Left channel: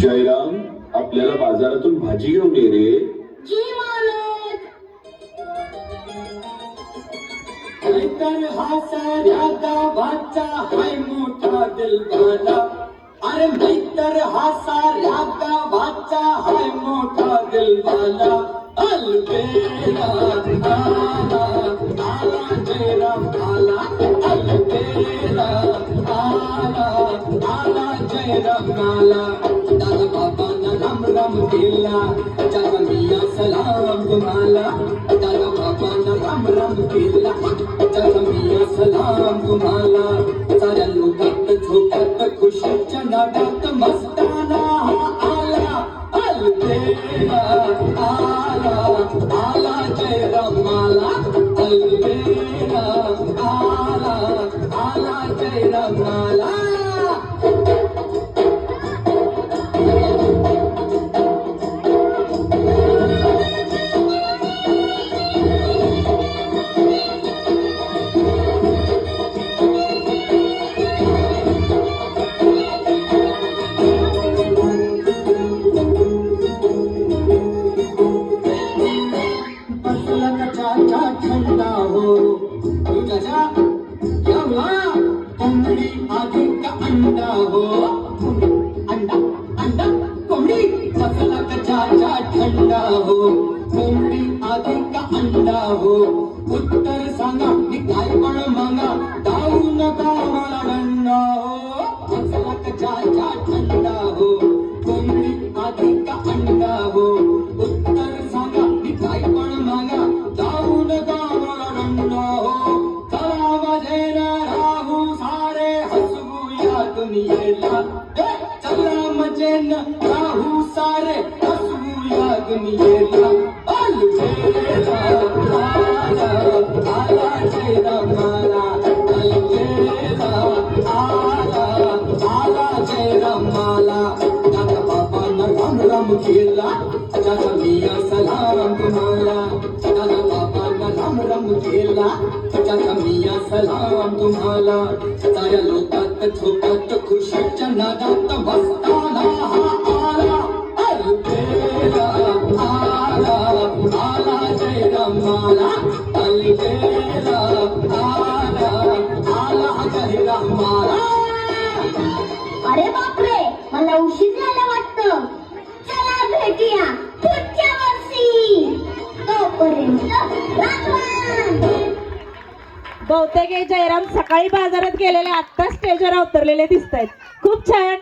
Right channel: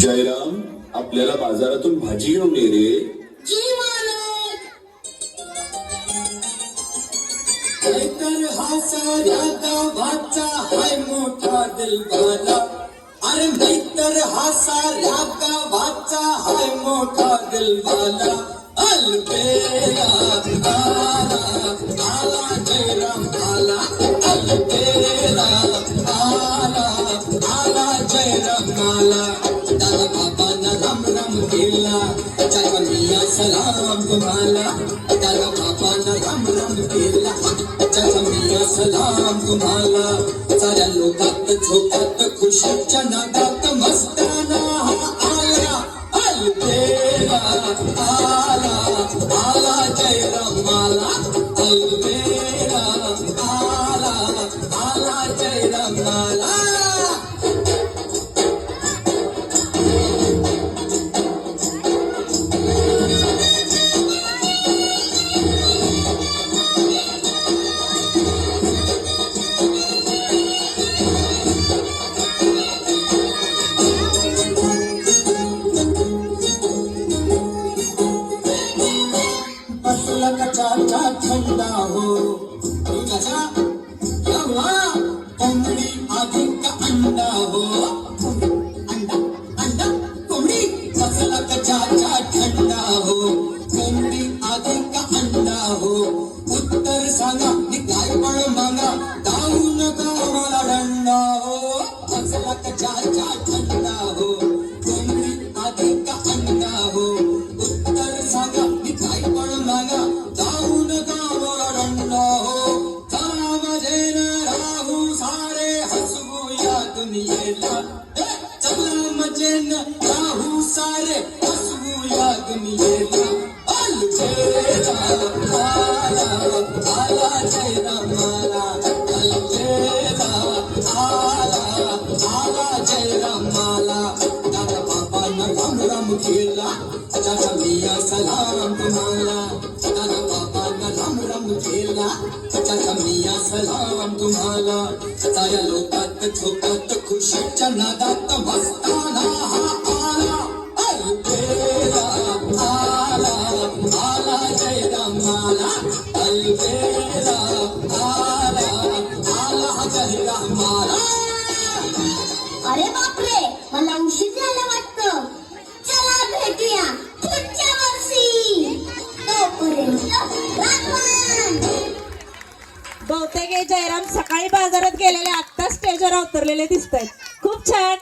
जयराम, आपल्याला बाजारातून भाजी घेऊन ये रे. जी मालक. तर हा साऱ्या गावाचा हाय मोठा दिलवाला. अरे मी तर हा साऱ्या गावाचा हाय मोठा दिलवाला. अलबेला आला आला जयराम आला. अलबेला आला आला जयराम आला. दादा बाबांना राम राम केला. जय मिया सलाम तुम्हाला. दादा बाबांना राम राम केला. जय मिया सलाम तुम्हाला. साऱ्या लोकात झोपात खुशीच्या नादात मस्ताना हा आला. अलबेला आला आला जयराम आला. अलबेला आला आला जयराम आला. उत्तर सांगा मी काय पण मागा. दाऊ नका मला दंडा हो. असला कचाचा थंडा हो. कोंबडी आधी का अंडा हो. उत्तर सांगा मी काय पण मागा. दाऊ नका मला दंडा हो. चला माझे ना राहू सारे हसवूया दुनियेला. चला मजे न राहू सारे हसवूया दुनियेला. अलबेला आला जयराम आला. अलबेला आला आला जयराम आला. दादा बाबांना राम राम केला. चाचा मिया सलाम तुम्हाला. दादा बाबांना राम राम केला. चाचा मिया सलाम तुम्हाला. साऱ्या लोकात झोपात खुशीच्या नादात मस्ताना हा आला. अलबेला आला आला जयराम आला. अलबेला आला आला जयराम आला. अरे बापरे, मला उशीर झाला वाटतं. चला भेटूया पुढच्या वर्षी. तोपर्यंत राखवान. बहुतेक हे जयराम सकाळी बाजारात गेलेले, आता स्टेजवर उतरलेले दिसत आहेत. खूप छान.